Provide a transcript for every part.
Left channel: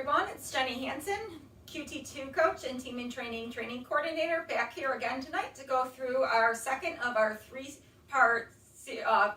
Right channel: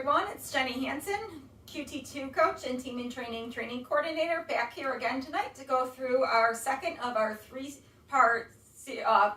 everyone, it's Jennie Hanen, QT2 Coach and Team in Training Coordinator, back here again tonight to go through our second of our three-part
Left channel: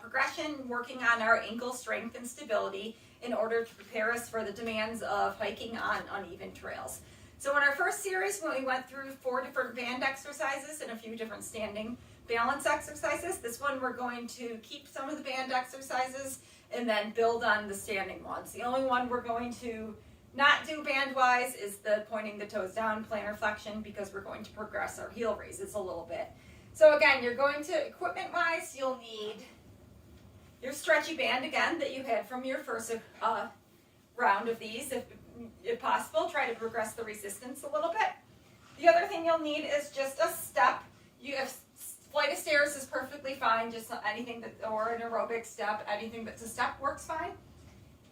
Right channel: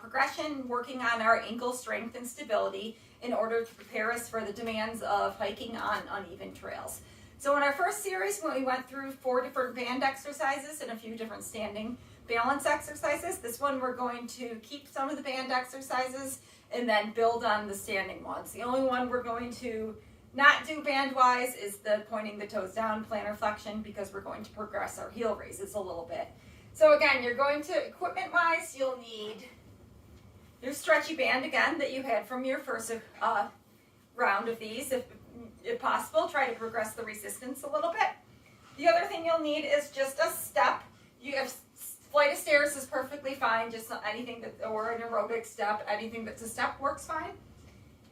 progression working on our ankle strength and stability in order to prepare us for the demands of hiking on uneven trails. So in our first series, when we went through 4 different band exercises and a few different standing balance exercises, this one we're going to keep some of the band exercises and then build on the standing ones. The only one we're going to not do band-wise is the pointing the toes down plantar flexion, because we're going to progress our heel raises a little bit. So again, you're going to, equipment-wise, you'll need your stretchy band again that you had from your first round of these. If possible, try to progress the resistance a little bit. The other thing you'll need is just a step. You have flight of stairs is perfectly fine, just anything that, or an aerobic step, anything that's a step works fine.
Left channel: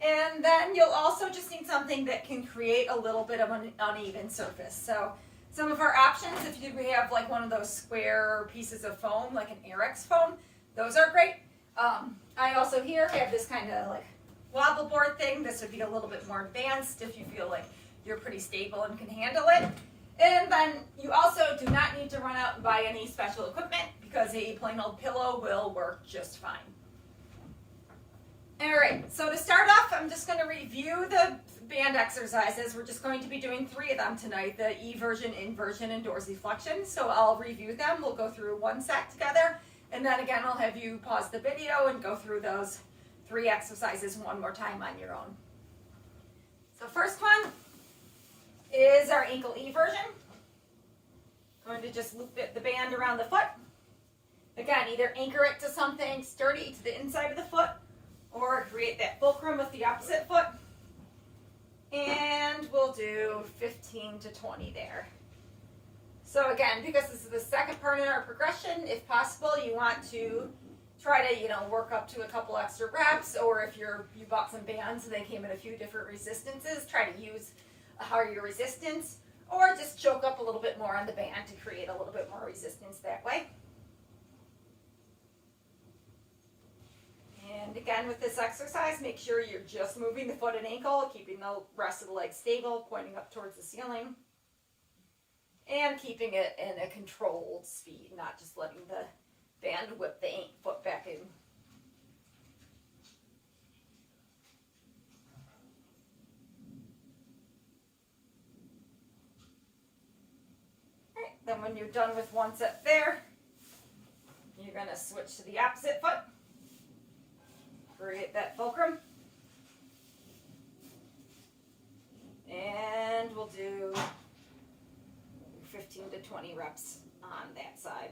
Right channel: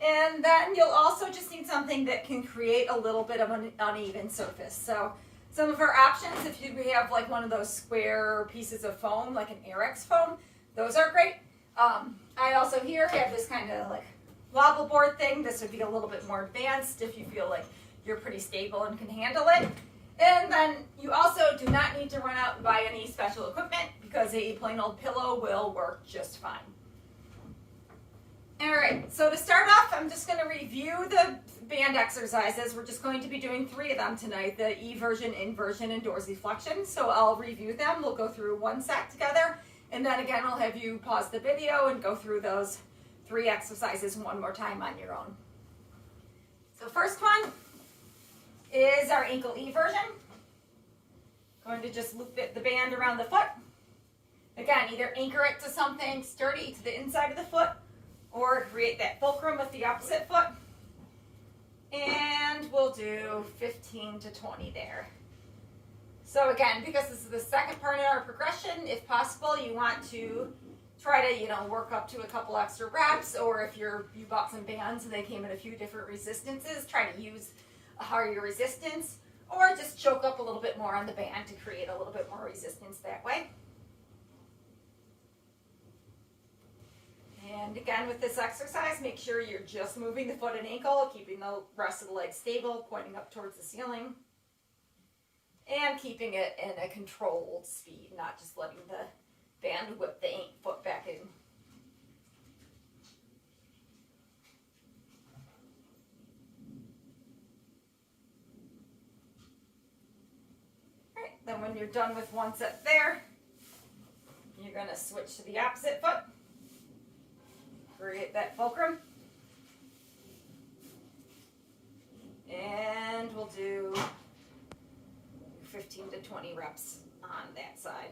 And then you'll also just need something that can create a little bit of an uneven surface. So some of our options, if you have like one of those square pieces of foam, like an Airex foam, those are great. I also here have this kind of like wobble board thing. This would be a little bit more advanced if you feel like you're pretty stable and can handle it. And then you also do not need to run out and buy any special equipment, because a plain old pillow will work just fine. All right, so to start off, I'm just going to review the band exercises. We're just going to be doing 3 of them tonight, the eversion, inversion, and dorsiflexion. So I'll review them. We'll go through one set together, and then again, I'll have you pause the video and go through those 3 exercises one more time on your own. So first one is our ankle eversion. Going to just loop the band around the foot. Again, either anchor it to something sturdy to the inside of the foot, or create that fulcrum with the opposite foot. And we'll do 15 to 20 there. So again, because this is the second part in our progression, if possible, you want to try to, work up to a couple extra reps, or if you bought some bands and they came in a few different resistances, try to use a higher resistance, or just choke up a little bit more on the band to create a little bit more resistance that way. And again, with this exercise, make sure you're just moving the foot and ankle, keeping the rest of the leg stable, pointing up towards the ceiling, and keeping it in a controlled speed, not just letting the band whip the foot back in. All right, then when you're done with one set there, you're going to switch to the opposite foot. Create that fulcrum, and we'll do 15 to 20 reps on that side.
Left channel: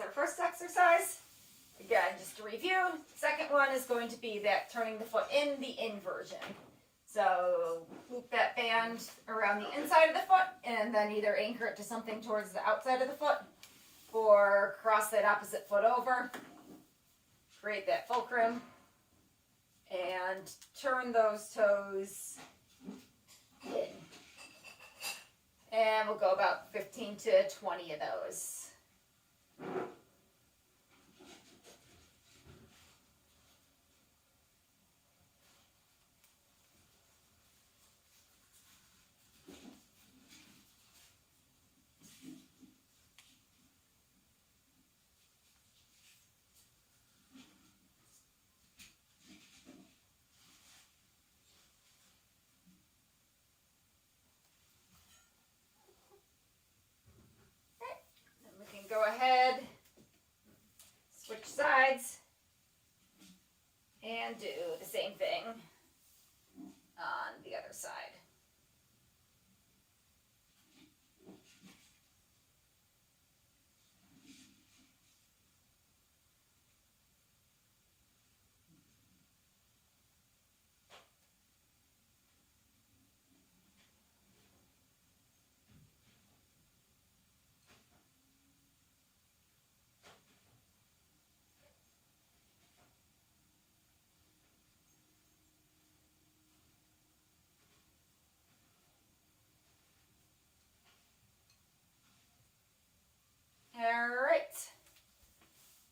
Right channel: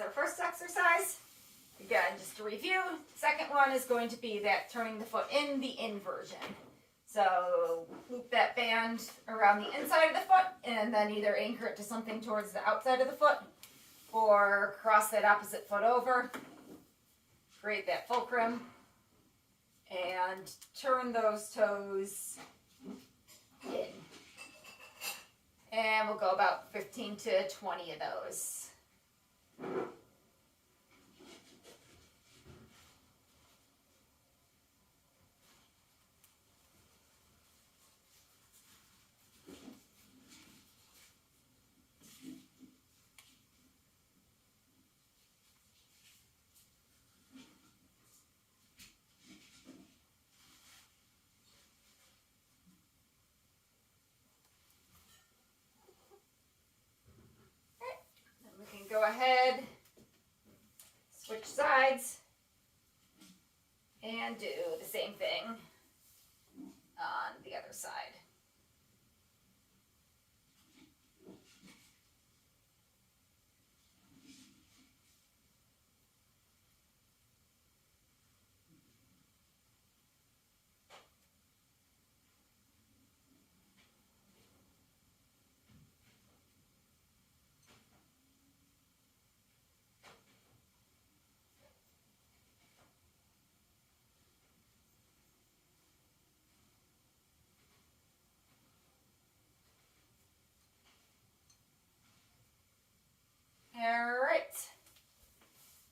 Our first exercise. Again, just to review, second one is going to be that turning the foot in, the inversion. So loop that band around the inside of the foot and then either anchor it to something towards the outside of the foot, or cross that opposite foot over, create that fulcrum, and turn those toes in. And we'll go about 15 to 20 of those. Go ahead, switch sides, and do the same thing on the other side.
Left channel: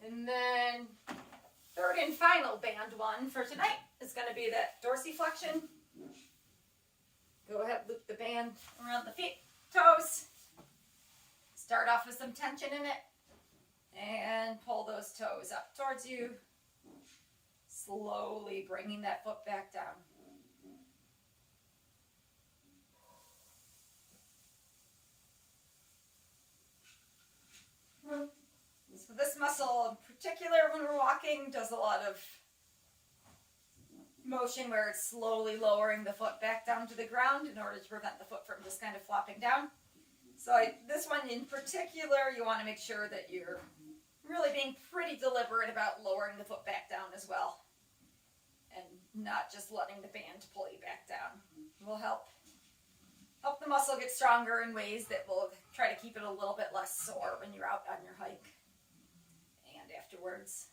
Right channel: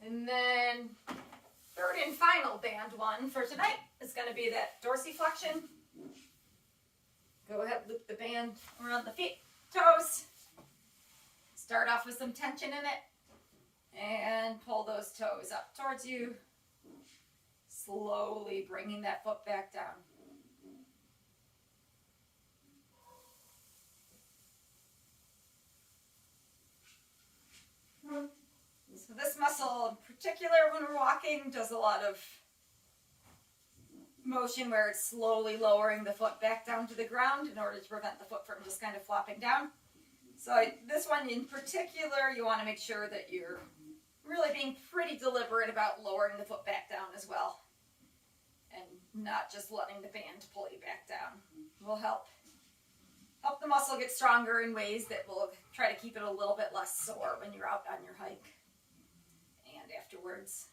And then third and final band one for tonight is going to be that dorsiflexion. Go ahead, loop the band around the feet, toes. Start off with some tension in it and pull those toes up towards you. Slowly bringing that foot back down. So this muscle in particular when we're walking does a lot of motion where it's slowly lowering the foot back down to the ground in order to prevent the foot from just kind of flopping down. So this one in particular, you want to make sure that you're really being pretty deliberate about lowering the foot back down as well. And not just letting the band pull you back down. Will help the muscle get stronger in ways that will try to keep it a little bit less sore when you're out on your hike and afterwards.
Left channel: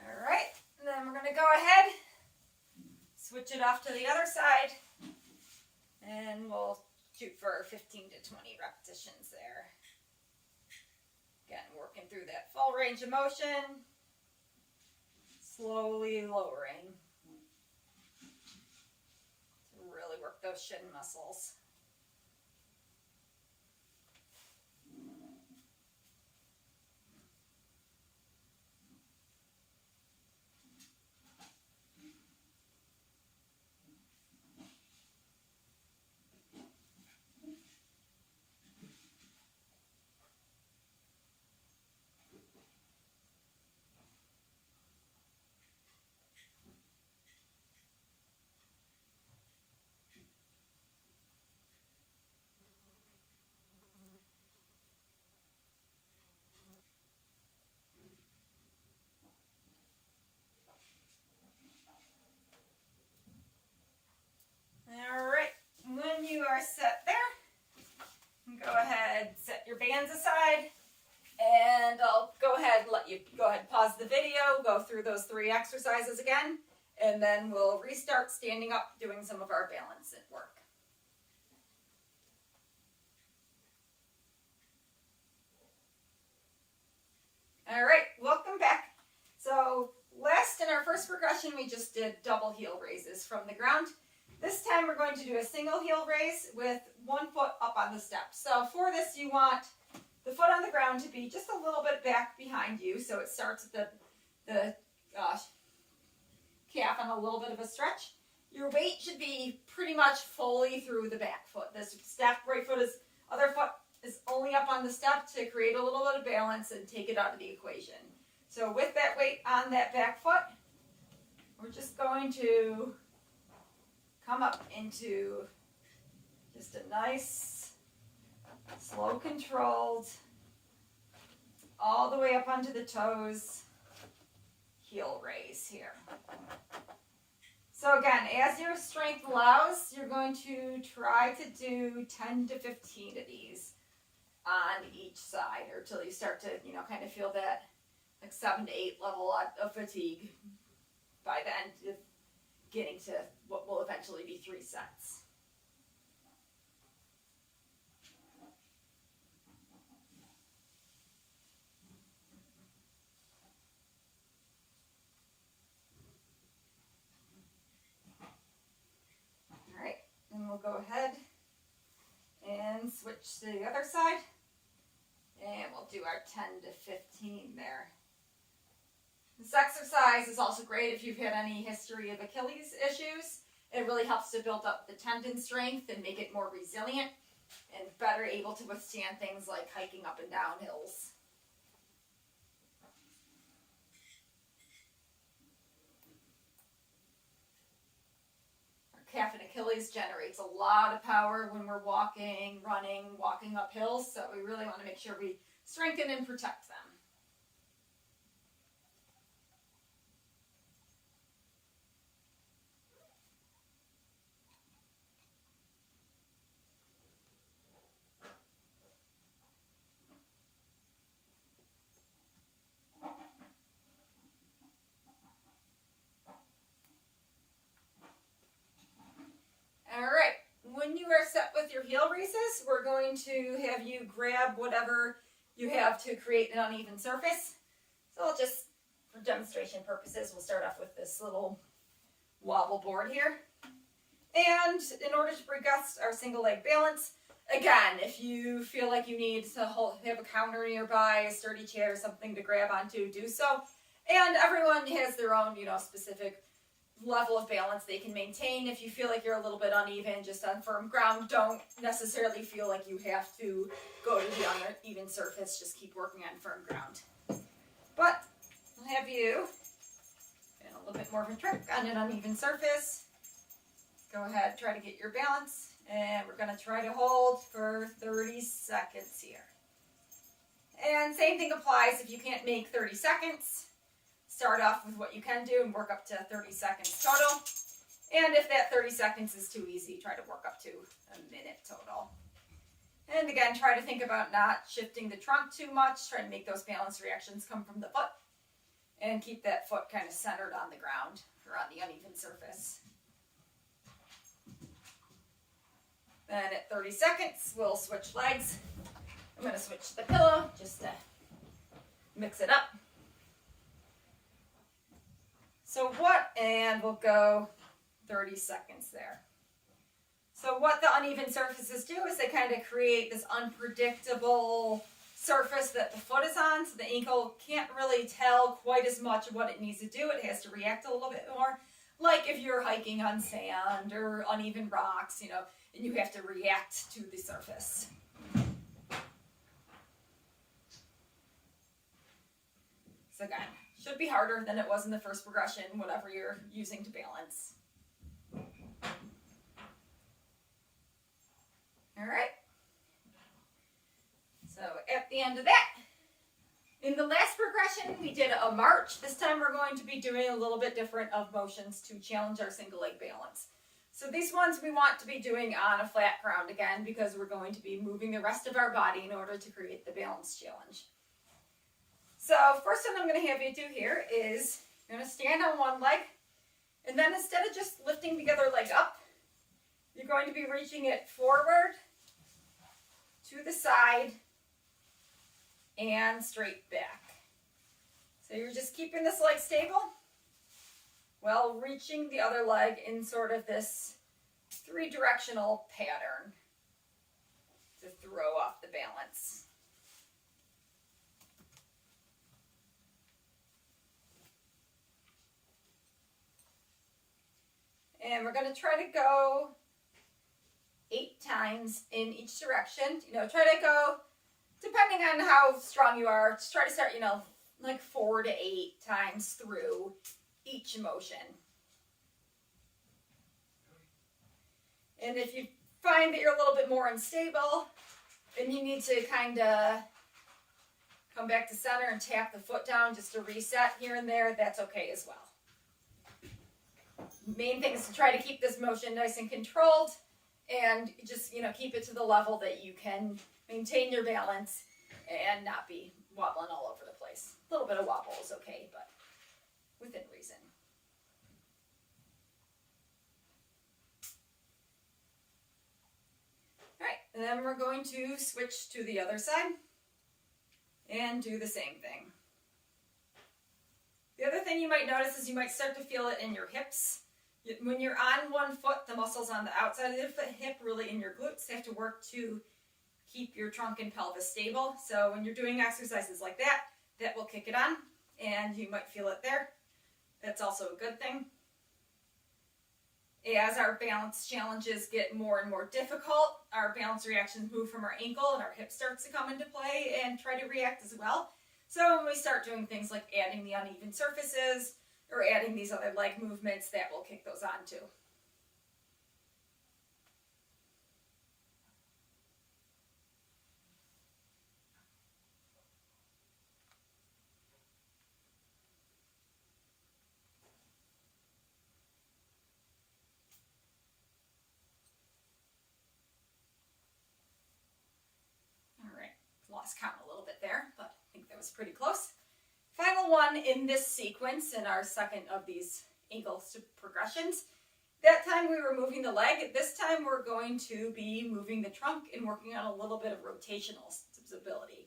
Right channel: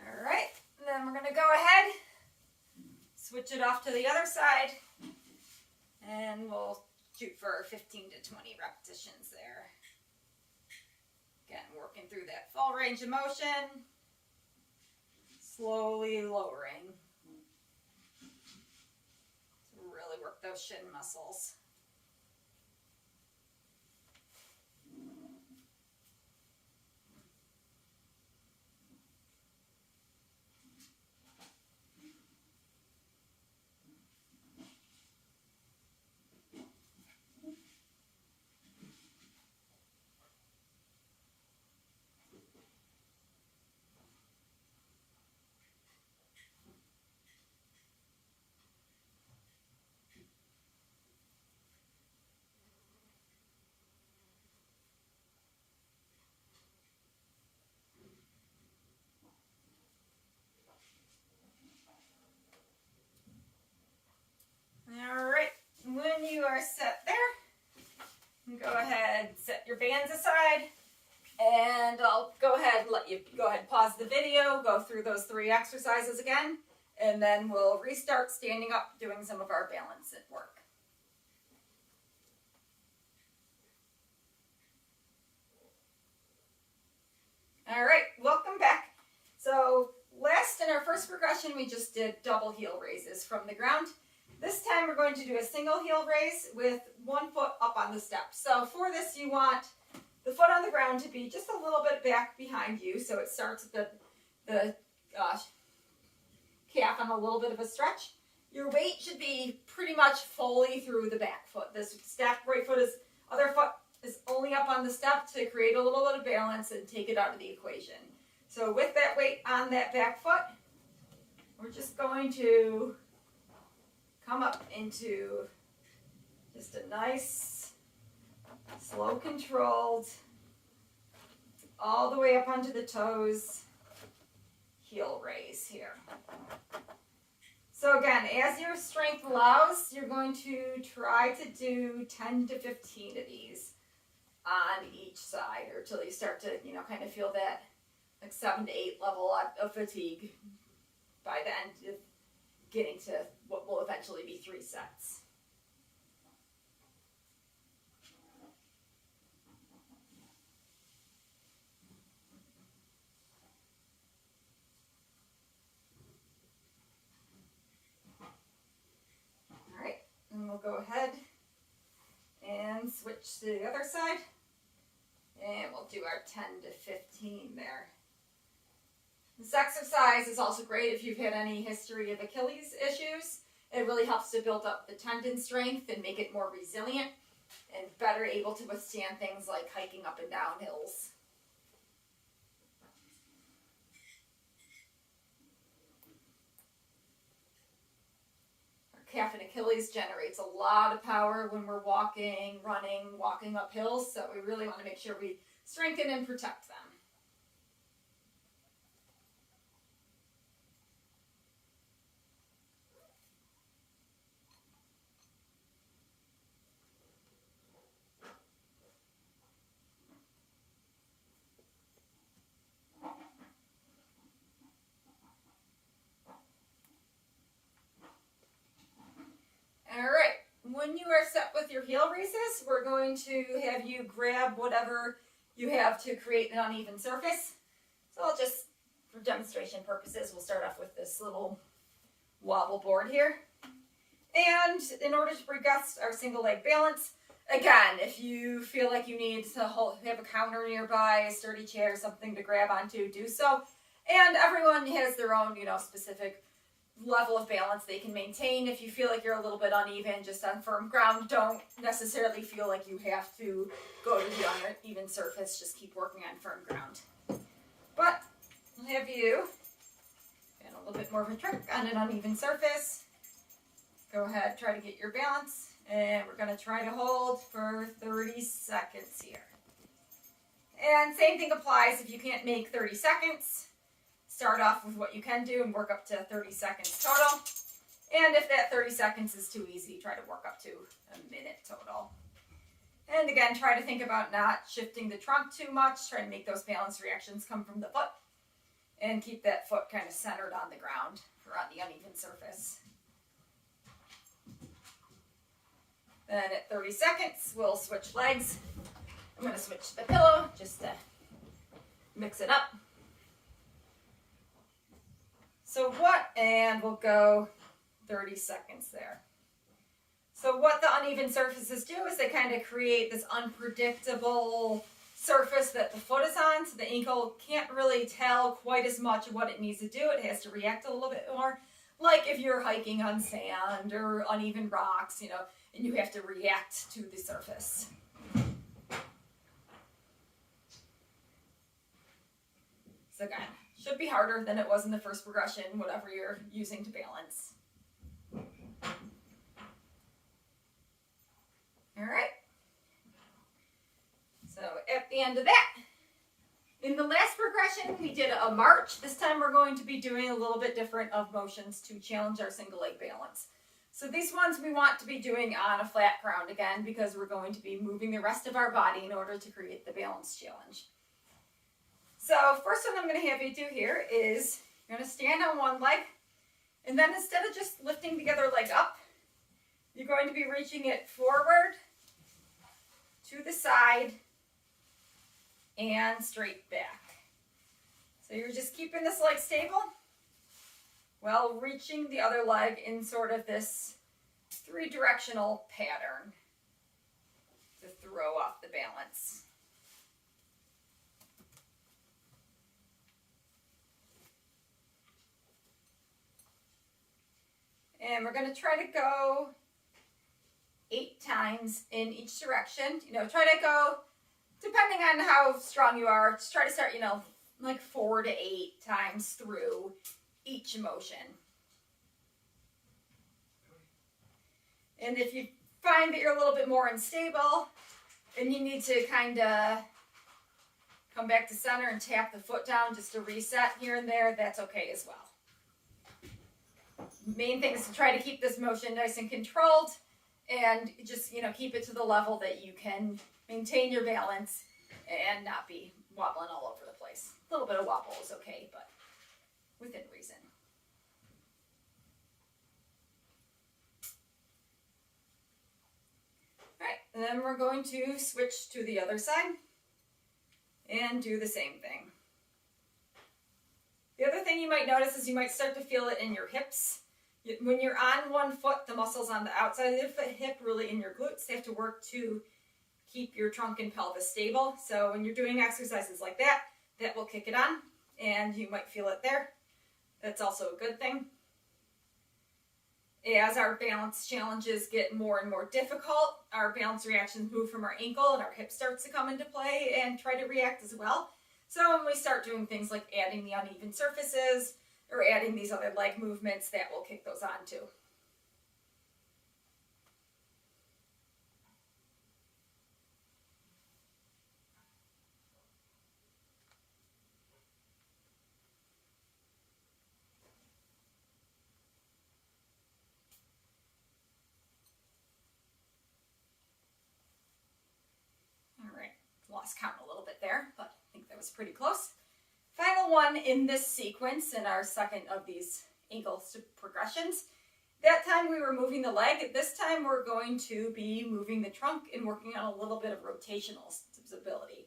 All right, then we're going to go ahead, switch it off to the other side, and we'll shoot for 15 to 20 repetitions there. Again, working through that full range of motion, slowly lowering to really work those shin muscles. All right, when you are set there, go ahead, set your bands aside, and I'll go ahead and let you pause the video, go through those 3 exercises again, and then we'll restart standing up, doing some of our balance at work. All right, welcome back. So last in our first progression, we just did double heel raises from the ground. This time we're going to do a single heel raise with one foot up on the step. So for this, you want the foot on the ground to be just a little bit back behind you. So it starts at the calf on a little bit of a stretch. Your weight should be pretty much fully through the back foot. This stacked right foot is, other foot is only up on the step to create a little bit of balance and take it out of the equation. So with that weight on that back foot, we're just going to come up into just a nice, slow controlled, all the way up onto the toes, heel raise here. So again, as your strength allows, you're going to try to do 10 to 15 of these on each side, or till you start to, kind of feel that like 7 to 8 level of fatigue by the end of getting to what will eventually be 3 sets. All right, and we'll go ahead and switch to the other side, and we'll do our 10 to 15 there. This exercise is also great if you've had any history of Achilles issues. It really helps to build up the tendon strength and make it more resilient and better able to withstand things like hiking up and down hills. Our calf and Achilles generates a lot of power when we're walking, running, walking up hills, so we really want to make sure we strengthen and protect them. your heel raises, we're going to have you grab whatever you have to create an uneven surface. So I'll just, for demonstration purposes, we'll start off with this little wobble board here. And in order to progress our single leg balance, again, if you feel like you need to have a counter nearby, a sturdy chair, something to grab onto, do so. And everyone has their own, specific level of balance they can maintain. If you feel like you're a little bit uneven, just on firm ground, don't necessarily feel like you have to go to the uneven surface. Just keep working on firm ground. But I'll have you, and a little bit more of a trick on an uneven surface. Go ahead, try to get your balance, and we're going to try to hold for 30 seconds here. And same thing applies if you can't make 30 seconds. Start off with what you can do and work up to 30 seconds total. And if that 30 seconds is too easy, try to work up to a minute total. And again, try to think about not shifting the trunk too much. Try to make those balance reactions come from the foot. And keep that foot kind of centered on the ground or on the uneven surface. Then at 30 seconds, we'll switch legs. I'm going to switch the pillow just to mix it up. And we'll go 30 seconds there. So what the uneven surfaces do is they kind of create this unpredictable surface that the foot is on, so the ankle can't really tell quite as much of what it needs to do. It has to react a little bit more, like if you're hiking on sand or uneven rocks, and you have to react to the surface. So again, should be harder than it was in the first progression, whatever you're using to balance. All right. So at the end of that, in the last progression, we did a march. This time we're going to be doing a little bit different of motions to challenge our single leg balance. So these ones we want to be doing on a flat ground again, because we're going to be moving the rest of our body in order to create the balance challenge. So first one I'm going to have you do here is you're going to stand on one leg, and then instead of just lifting the other leg up, you're going to be reaching it forward, to the side, and straight back. So you're just keeping this leg stable while reaching the other leg in sort of this three-directional pattern to throw off the balance. And we're going to try to go 8 times in each direction. Try to go, depending on how strong you are, just try to start, like 4 to 8 times through each motion. And if you find that you're a little bit more unstable and you need to kind of come back to center and tap the foot down just to reset here and there, that's okay as well. Main thing is to try to keep this motion nice and controlled and just, keep it to the level that you can maintain your balance and not be wobbling all over the place. A little bit of wobble is okay, but within reason. All right, and then we're going to switch to the other side and do the same thing. The other thing you might notice is you might start to feel it in your hips. When you're on one foot, the muscles on the outside of the hip, really in your glutes, they have to work to keep your trunk and pelvis stable. So when you're doing exercises like that, that will kick it on, and you might feel it there. That's also a good thing. As our balance challenges get more and more difficult, our balance reactions move from our ankle, and our hip starts to come into play and try to react as well. So when we start doing things like adding the uneven surfaces or adding these other leg movements, that will kick those on too. All right, lost count a little bit there, but I think that was pretty close. Final one in this sequence, in our second of these ankle progressions, That time we were moving the leg. This time we're going to be moving the trunk and working on a little bit of rotational stability.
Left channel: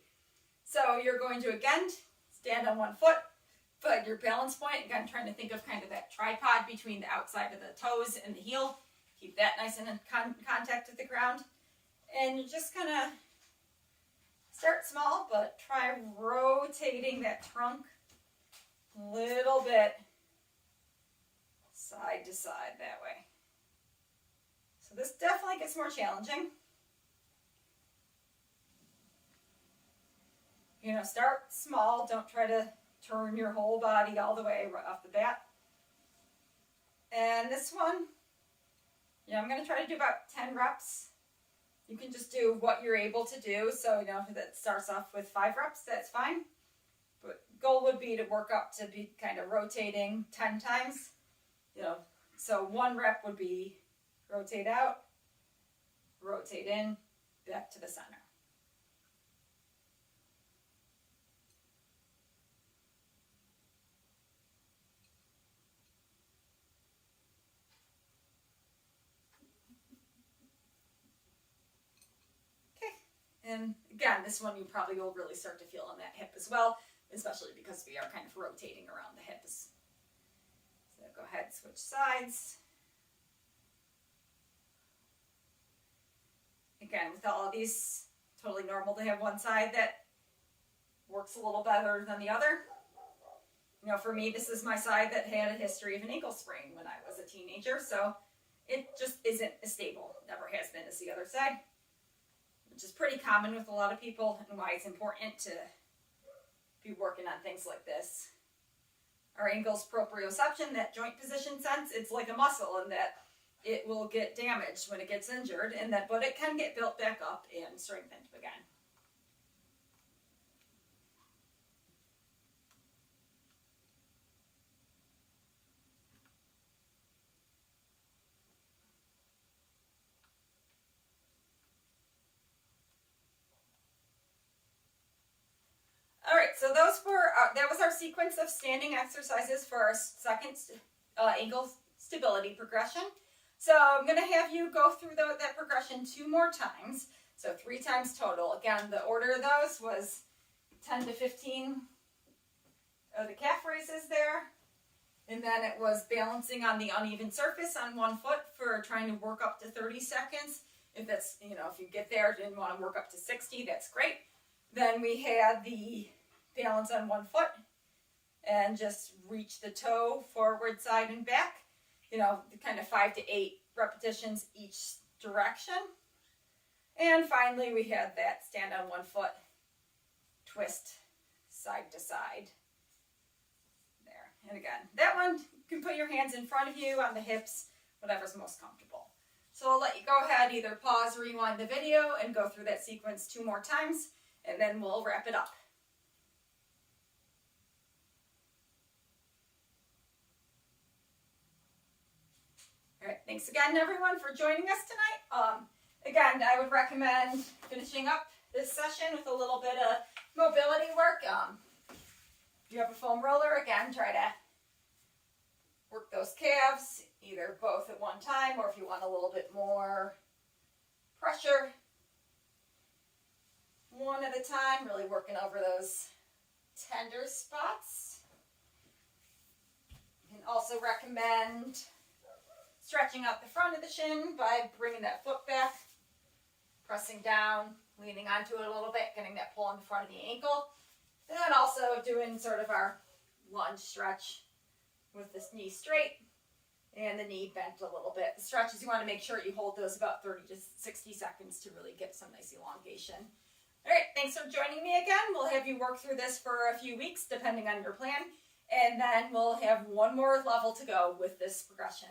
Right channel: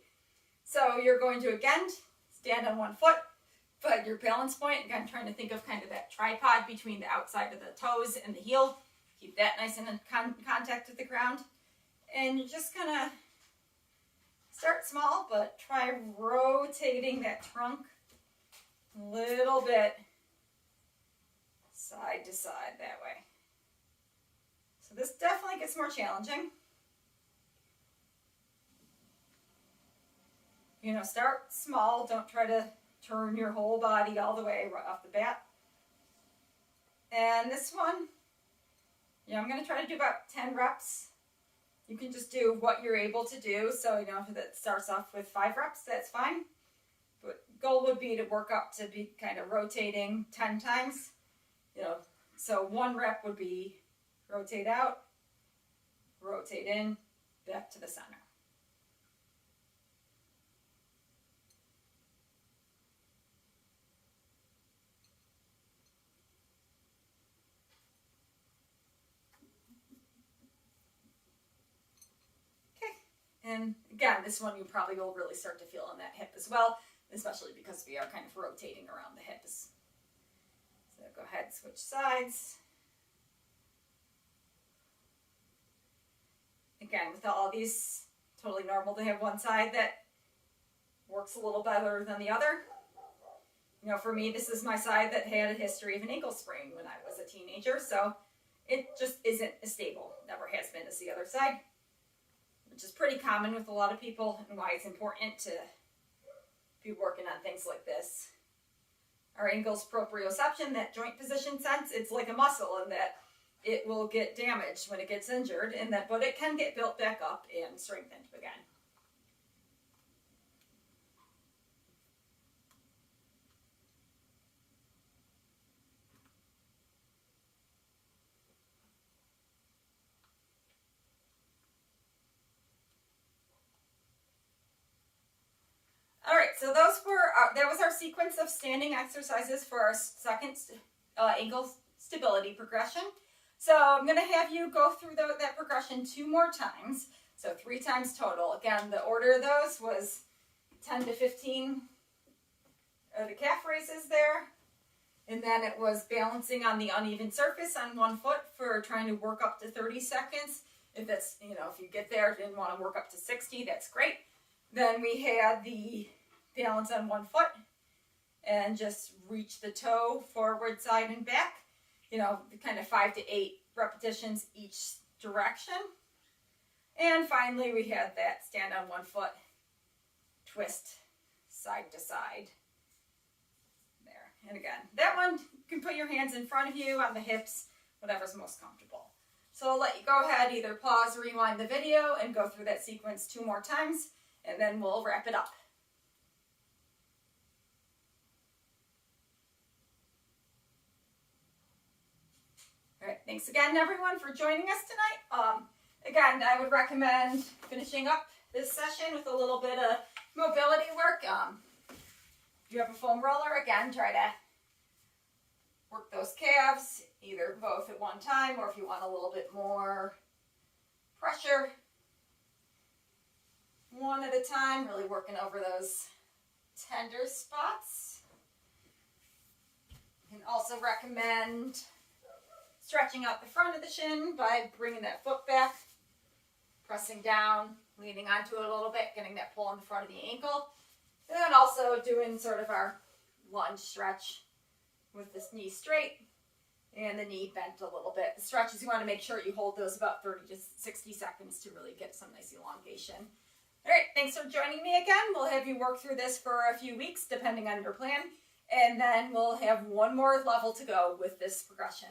So you're going to, again, stand on one foot, but your balance point, again, trying to think of kind of that tripod between the outside of the toes and the heel. Keep that nice and in contact with the ground. And you just kind of start small, but try rotating that trunk a little bit side to side that way. So this definitely gets more challenging. You know, start small. Don't try to turn your whole body all the way right off the bat. And this one, I'm going to try to do about 10 reps. You can just do what you're able to do. So, if that starts off with 5 reps, that's fine. But goal would be to work up to be kind of rotating 10 times. So 1 rep would be rotate out, rotate in, back to the center. And again, this one you probably will really start to feel on that hip as well, especially because we are kind of rotating around the hips. So go ahead, switch sides. Again, with all of these, totally normal to have one side that works a little better than the other. For me, this is my side that had a history of an ankle sprain when I was a teenager, so it just isn't as stable, never has been, as the other side, which is pretty common with a lot of people, and why it's important to be working on things like this. Our ankle's proprioception, that joint position sense, it's like a muscle in that it will get damaged when it gets injured, but it can get built back up and strengthened again. All right, so that was our sequence of standing exercises for our second ankle stability progression. So I'm going to have you go through that progression 2 more times, so 3 times total. Again, the order of those was 10 to 15 of the calf raises there, and then it was balancing on the uneven surface on 1 foot for trying to work up to 30 seconds. If that's, if you get there, didn't want to work up to 60, that's great. Then we had the balance on 1 foot and just reach the toe forward, side, and back. Kind of 5 to 8 repetitions each direction. And finally, we had that stand on 1 foot, twist side to side. There. And again, that one, you can put your hands in front of you on the hips, whatever's most comfortable. So I'll let you go ahead, either pause, rewind the video, and go through that sequence 2 more times, and then we'll wrap it up. All right, thanks again, everyone, for joining us tonight. Again, I would recommend finishing up this session with a little bit of mobility work. If you have a foam roller, again, try to work those calves, either both at one time, or if you want a little bit more pressure, one at a time, really working over those tender spots. You can also recommend stretching out the front of the shin by bringing that foot back, pressing down, leaning onto it a little bit, getting that pull on the front of the ankle. And then also doing sort of our lunge stretch with this knee straight and the knee bent a little bit. The stretches, you want to make sure you hold those about 30 to 60 seconds to really get some nice elongation. All right, thanks for joining me again. We'll have you work through this for a few weeks, depending on your plan. And then we'll have 1 more level to go with this progression.